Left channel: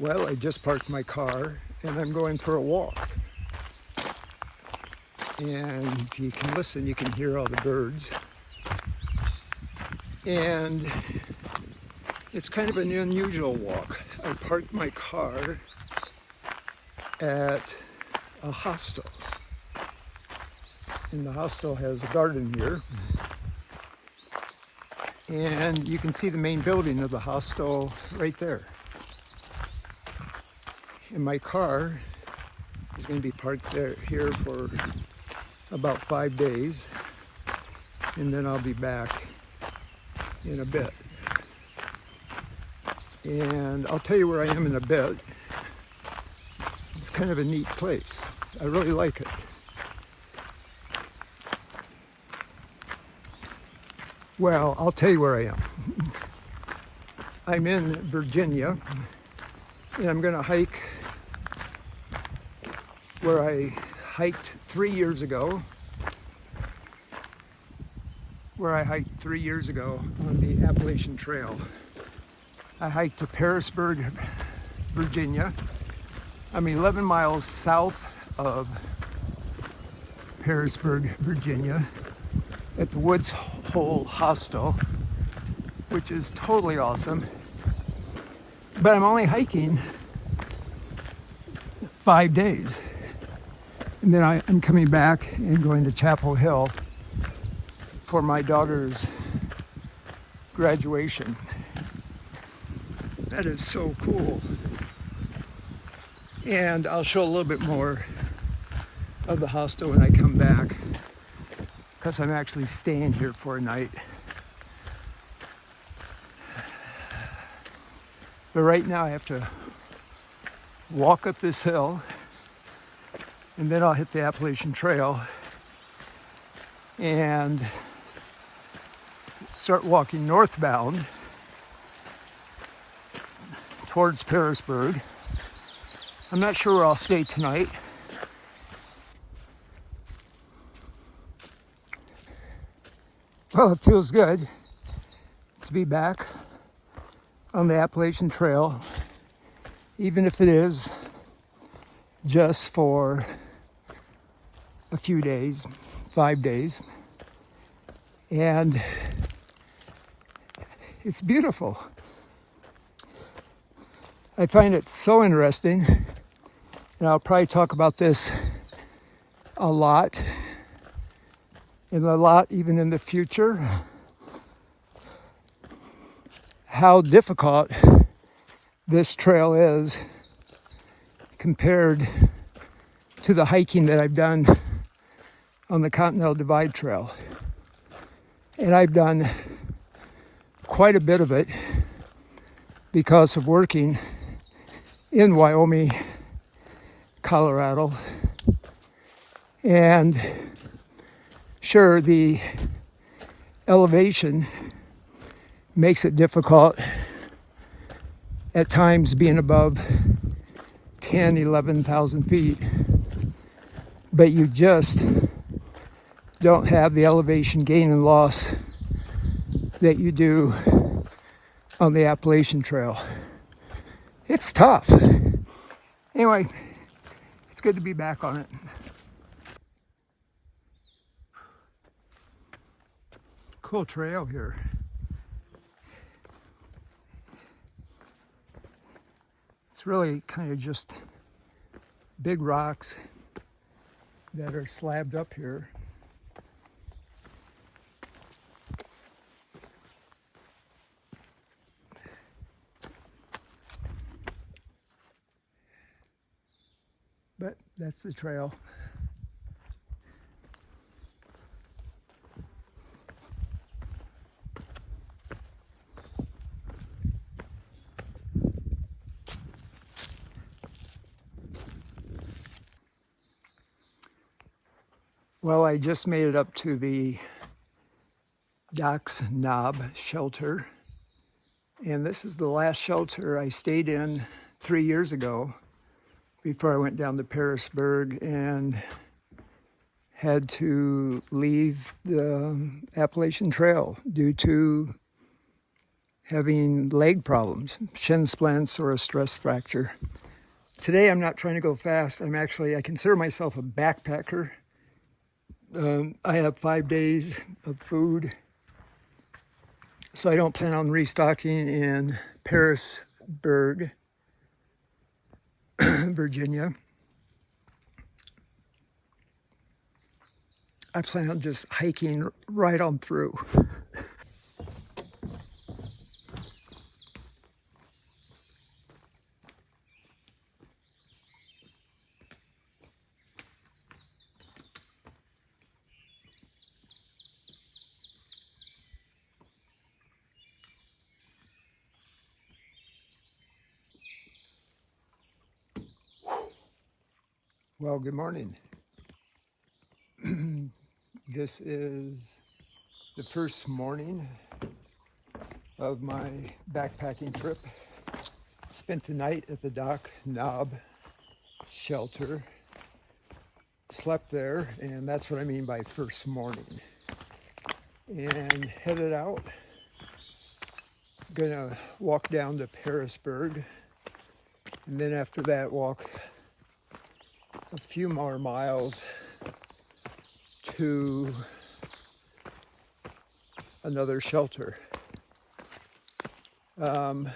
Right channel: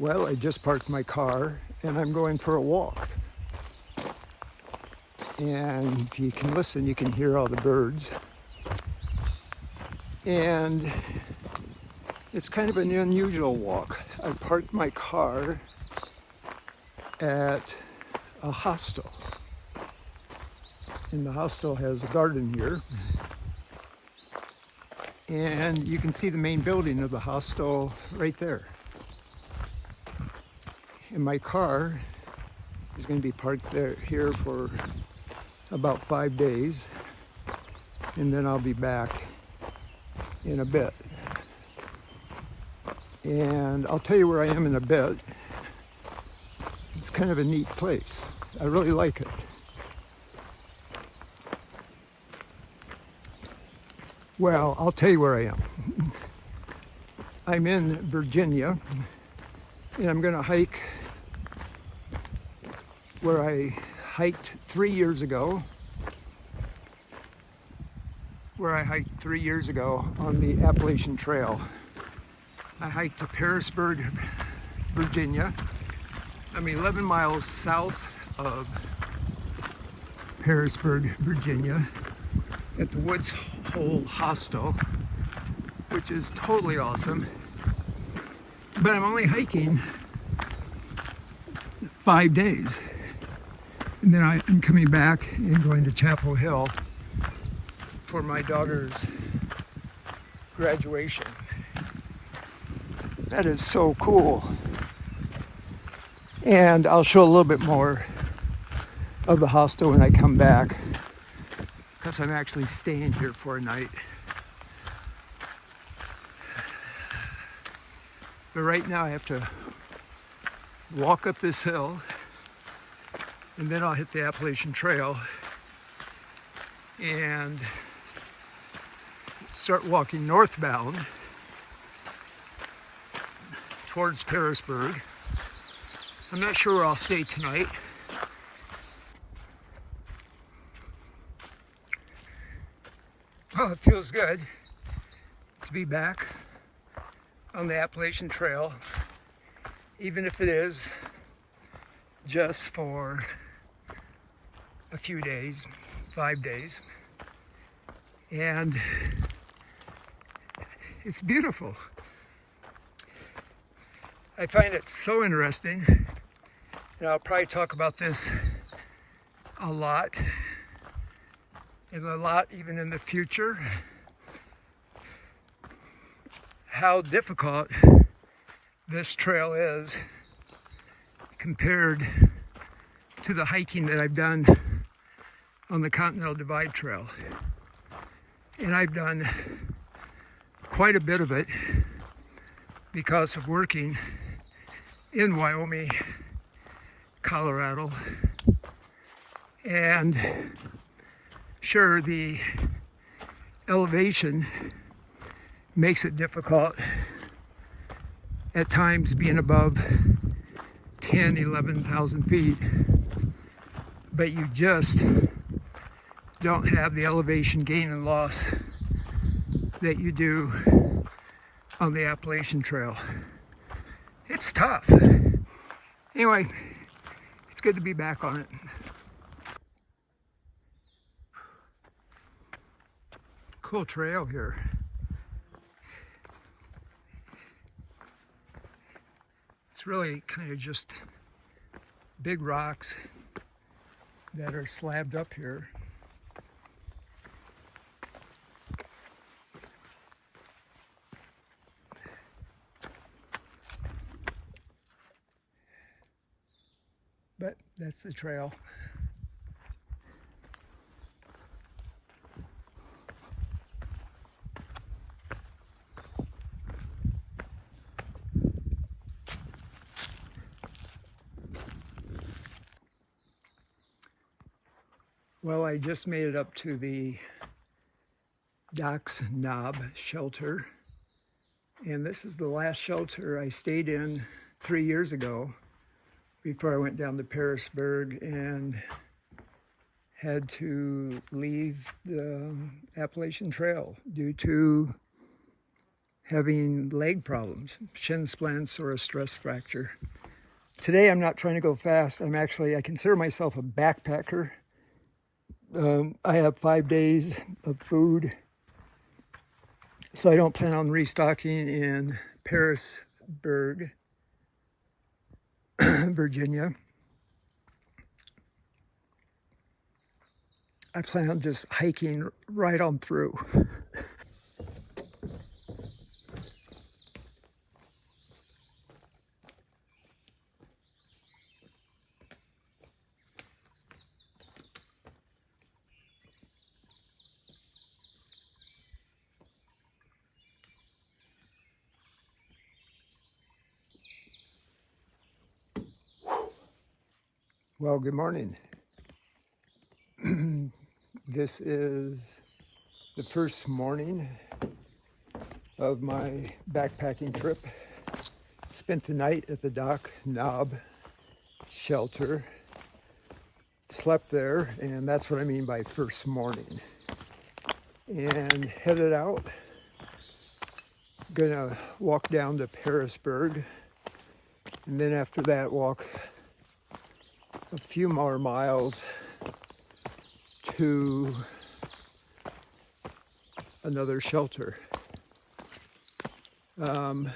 Well, I just parked my car and I'm going for a walk. And if you can listen, you can hear all the birds. And it's kind of an unusual walk. I parked my car at a hostel. And the hostel has a garden here. And you can see the main building of the hostel right there. And my car is going to be parked here for about 5 days. And then I'll be back in a bit. And I'll tell you where I am in a bit. It's kind of a neat place. I really like it. Well, I'll tell you where I am. I'm in Virginia, and I'm going to hike where I hiked 3 years ago. Where I hiked 3 years ago on the Appalachian Trail. I hiked to Pearisburg, Virginia. I'm 11 miles south of Pearisburg, Virginia, at the Woods Hole Hostel, which is totally awesome. But I'm only hiking 5 days. And then I'm coming back and going to Chapel Hill for my daughter's graduation. That is so cool. And I'll show a little bit more of the hostel when I come back, because I'm actually staying here for a night. But right now I have to walk up this hill, and then I'll hit the Appalachian Trail and start walking northbound towards Pearisburg. I'm not sure where I'll stay tonight. Well, it feels good to be back on the Appalachian Trail, even if it is just for a few days, 5 days. And it's beautiful. I find it so interesting, and I'll probably talk about this a lot, and a lot even in the future, how difficult this trail is compared to the hiking that I've done on the Continental Divide Trail. And I've done quite a bit of it because of working in Wyoming, Colorado. And sure, the elevation makes it difficult at times, being above 10, 11,000 feet. But you just don't have the elevation gain and loss that you do on the Appalachian Trail. It's tough. Anyway, it's good to be back on it. Cool trail here. It's really kind of just big rocks that are slabbed up here. But that's the trail. Well, I just made it up to the Docks Knob shelter. And this is the last shelter I stayed in 3 years ago before I went down to Pearisburg and had to leave the Appalachian Trail due to having leg problems, shin splints or a stress fracture. Today I'm not trying to go fast. I consider myself a backpacker. I have 5 days of food, so I don't plan on restocking in Parisburg, Virginia. I plan on just hiking right on through. Well, good morning. This is the first morning of my backpacking trip. Spent the night at the Dock Knob shelter. Slept there, and that's what I mean by first morning. And headed out. Gonna walk down to Parisburg, and then after that walk a few more miles to another shelter. I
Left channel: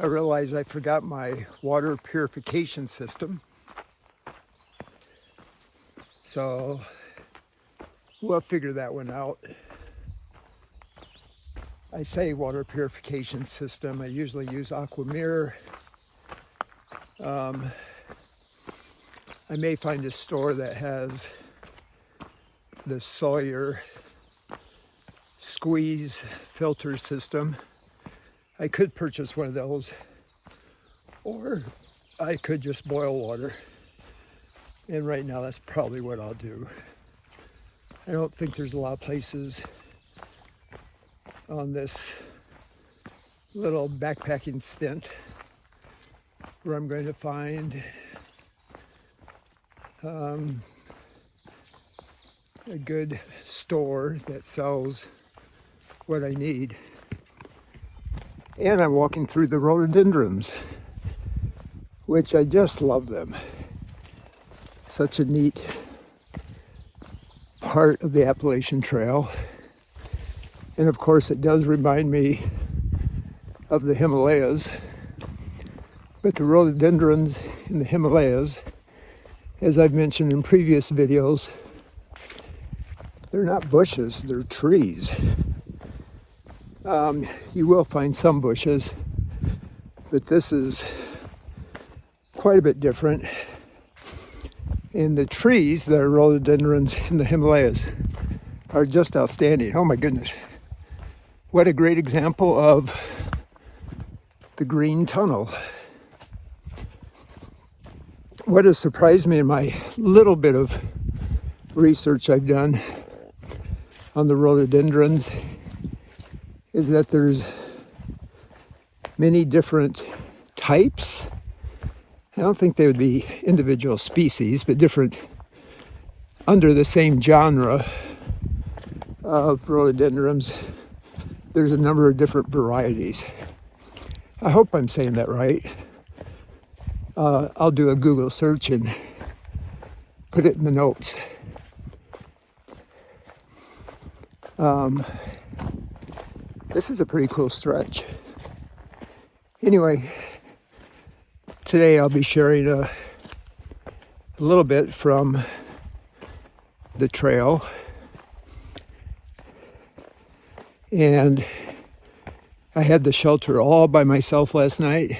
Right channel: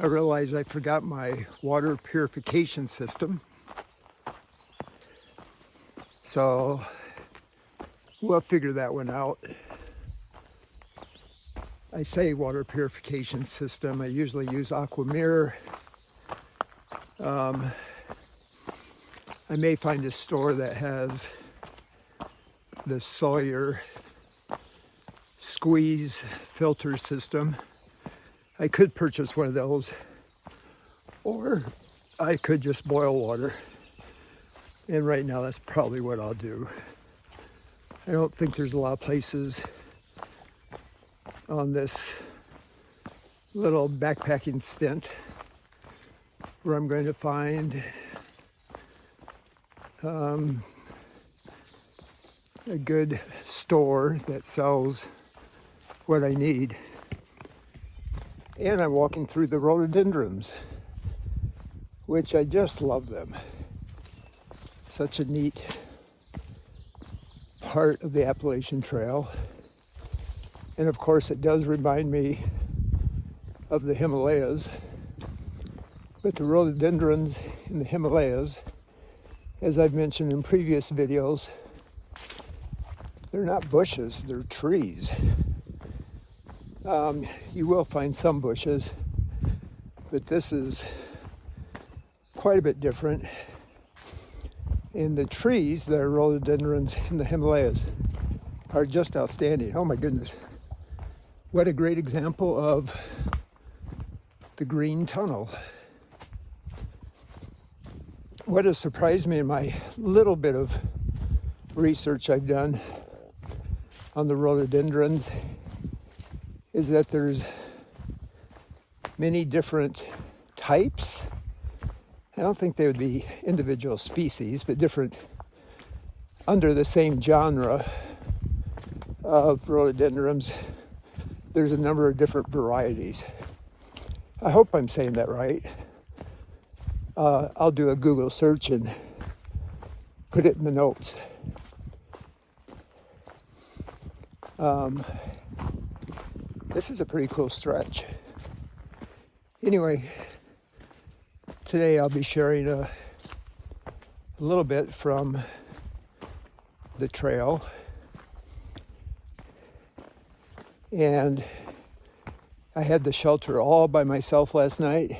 realized I forgot my water purification system, so we'll figure that one out. I say water purification system. I usually use Aquamir. I may find a store that has the Sawyer squeeze filter system. I could purchase one of those, or I could just boil water. And right now that's probably what I'll do. I don't think there's a lot of places on this little backpacking stint where I'm going to find a good store that sells what I need. And I'm walking through the rhododendrons, which I just love them. Such a neat part of the Appalachian Trail. And of course it does remind me of the Himalayas. But the rhododendrons in the Himalayas, as I've mentioned in previous videos, they're not bushes, they're trees. You will find some bushes, but this is quite a bit different. And the trees that are rhododendrons in the Himalayas are just outstanding. Oh my goodness. What a great example of the green tunnel. What has surprised me in my little bit of research I've done on the rhododendrons is that there's many different types. I don't think they would be individual species, but different under the same genre of rhododendrons. There's a number of different varieties. I hope I'm saying that right. I'll do a Google search and put it in the notes. This is a pretty cool stretch. Anyway, today I'll be sharing a little bit from the trail. And I had the shelter all by myself last night,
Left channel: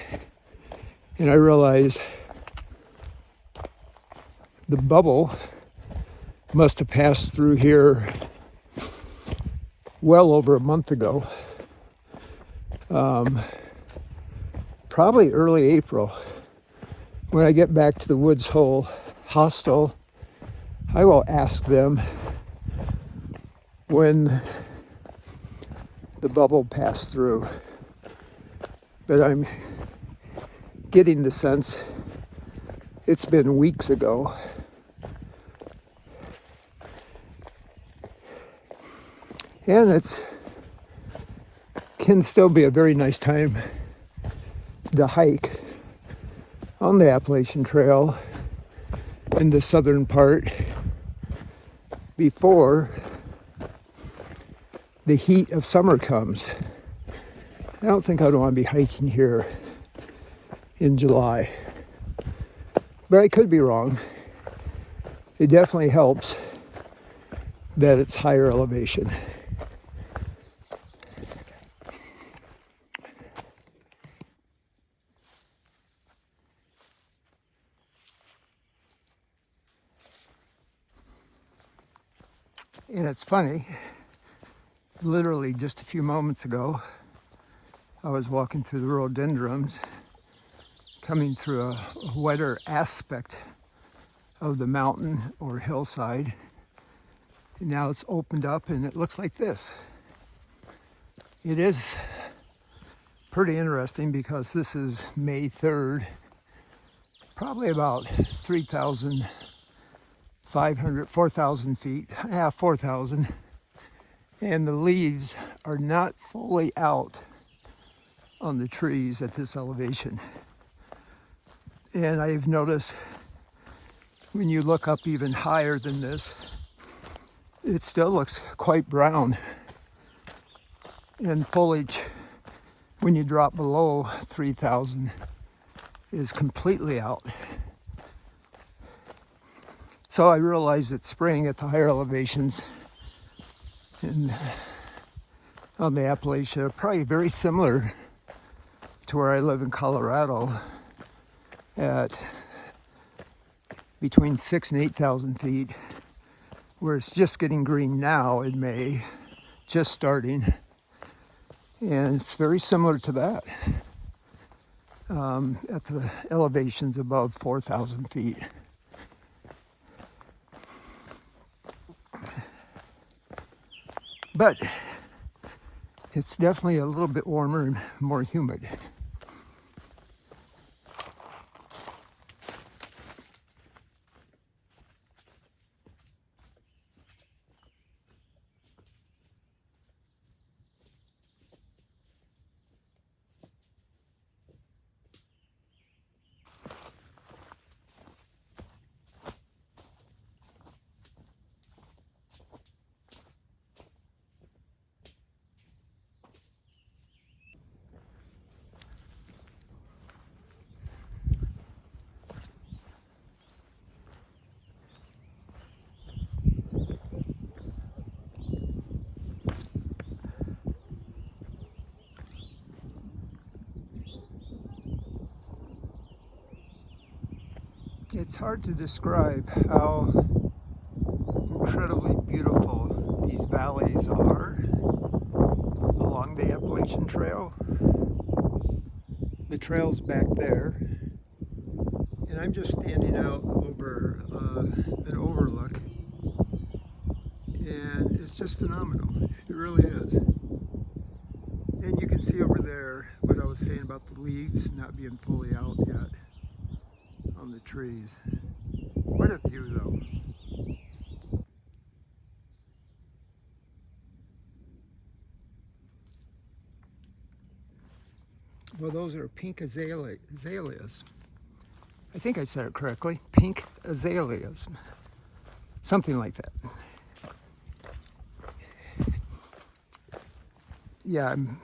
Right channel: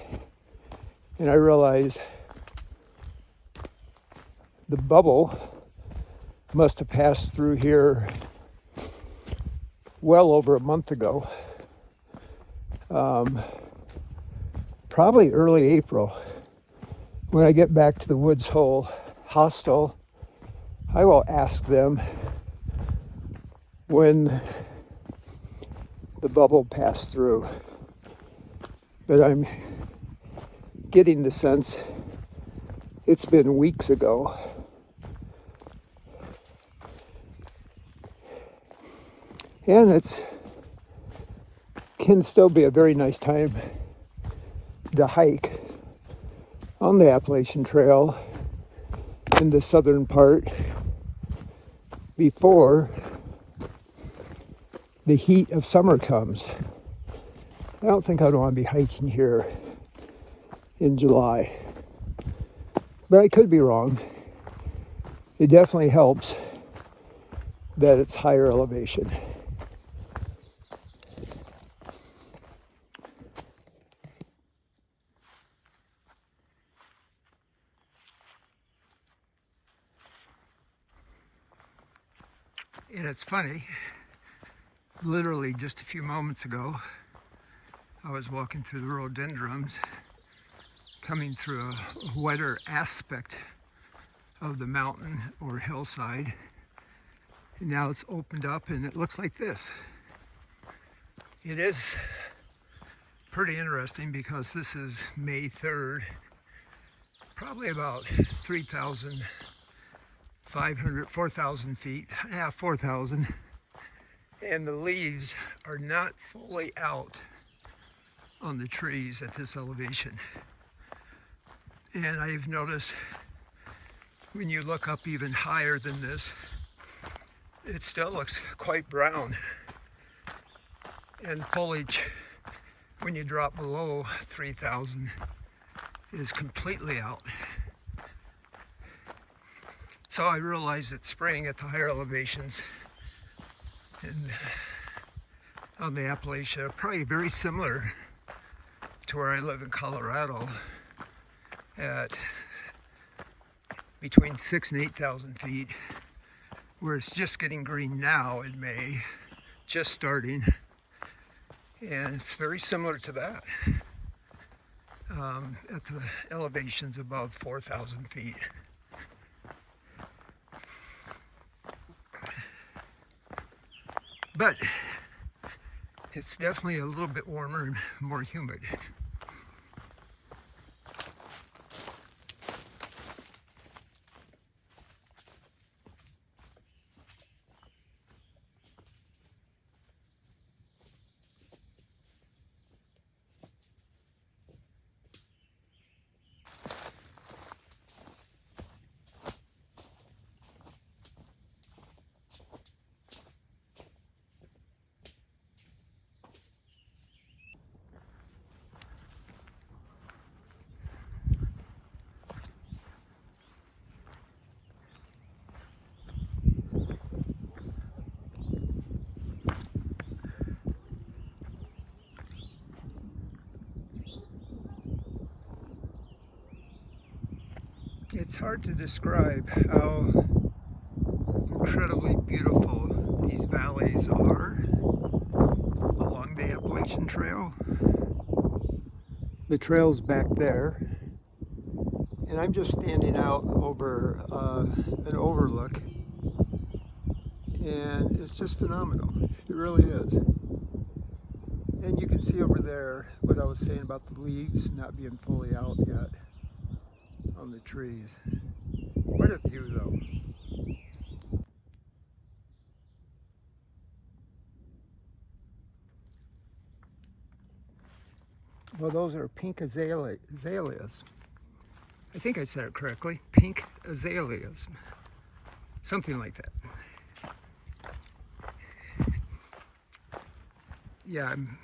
and I realized the bubble must have passed through here well over a month ago. Probably early April. When I get back to the Woods Hole hostel, I will ask them when the bubble passed through. But I'm getting the sense it's been weeks ago. And it's can still be a very nice time to hike on the Appalachian Trail in the southern part before the heat of summer comes. I don't think I'd want to be hiking here in July, but I could be wrong. It definitely helps that it's higher elevation. And it's funny, literally just a few moments ago, I was walking through the rhododendrons, coming through a wetter aspect of the mountain or hillside. And now it's opened up and it looks like this. It is pretty interesting because this is May 3rd, probably about 4,000 feet, 4,000. And the leaves are not fully out on the trees at this elevation. And I've noticed when you look up even higher than this, it still looks quite brown. And foliage, when you drop below 3,000, is completely out. So I realized that spring at the higher elevations on the Appalachia, probably very similar to where I live in Colorado at between 6,000 and 8,000 feet, where it's just getting green now in May, just starting. And it's very similar to that at the elevations above 4,000 feet. But it's definitely a little bit warmer and more humid. It's hard to describe how incredibly beautiful these valleys are along the Appalachian Trail. The trail's back there, and I'm just standing out over an overlook, and it's just phenomenal. It really is. And you can see over there what I was saying about the leaves not being fully out yet on the trees. What a view though. Well, those are pink azaleas. I think I said it correctly. Pink azaleas. Something like that. Yeah, I'm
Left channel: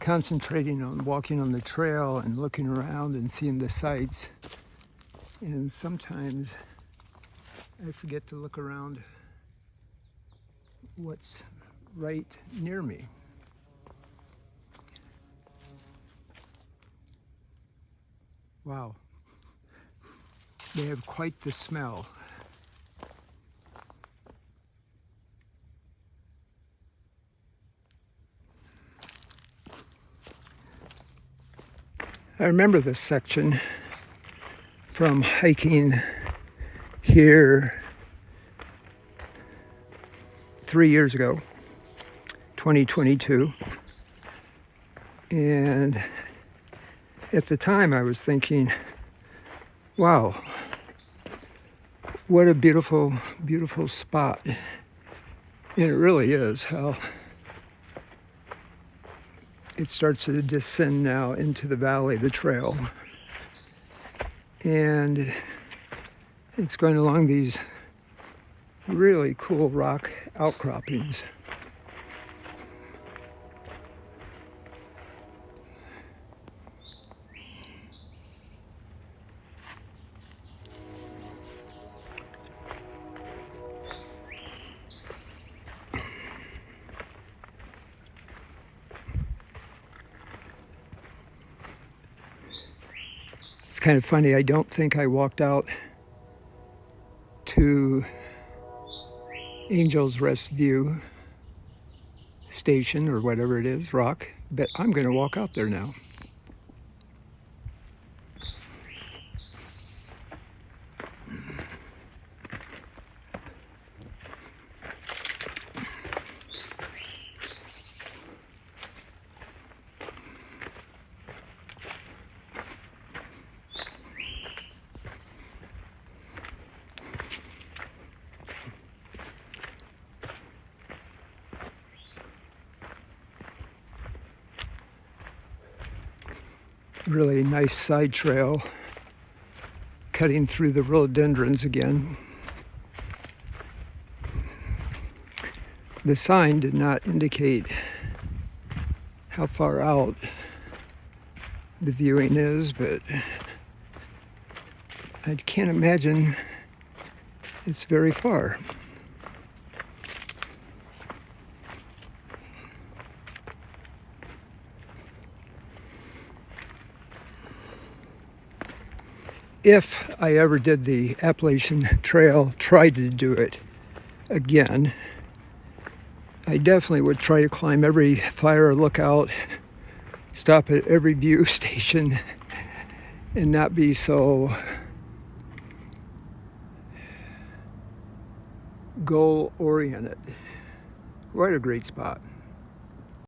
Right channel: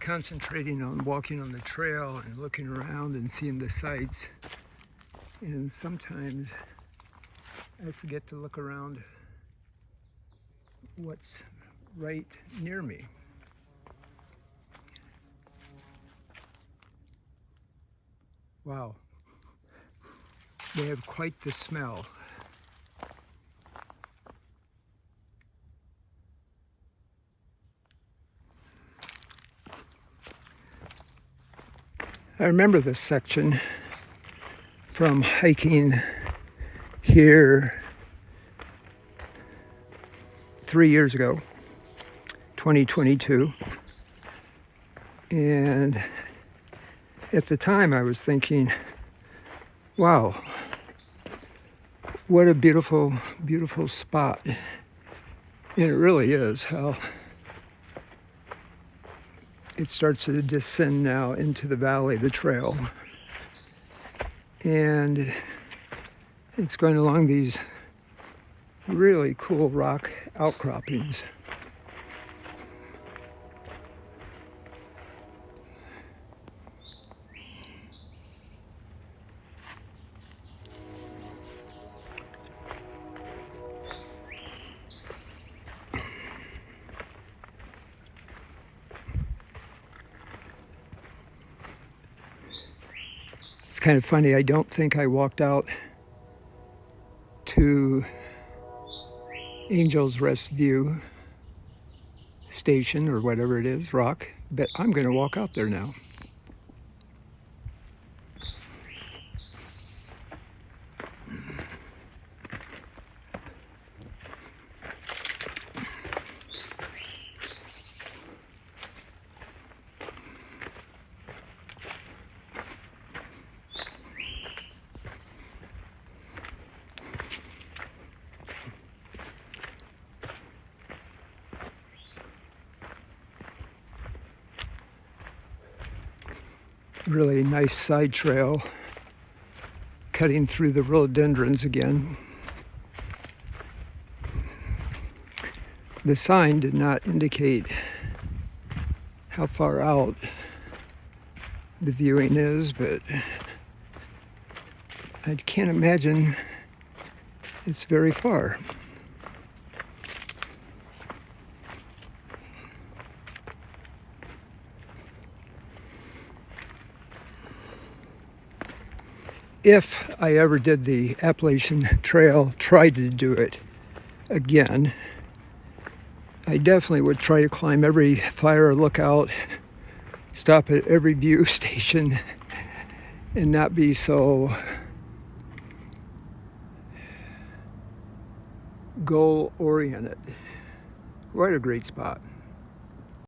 concentrating on walking on the trail and looking around and seeing the sights. And sometimes I forget to look around what's right near me. Wow. They have quite the smell. I remember this section from hiking here 3 years ago, 2022. And at the time I was thinking, wow, what a beautiful, beautiful spot. And it really is how it starts to descend now into the valley, the trail. And it's going along these really cool rock outcroppings. It's kind of funny, I don't think I walked out to Angel's Rest View Station or whatever it is, rock, but I'm going to walk out there now. Really nice side trail cutting through the rhododendrons again. The sign did not indicate how far out the viewing is, but I can't imagine it's very far. If I ever did the Appalachian Trail, tried to do it again, I definitely would try to climb every fire lookout, stop at every view station, and not be so goal-oriented. What a great spot.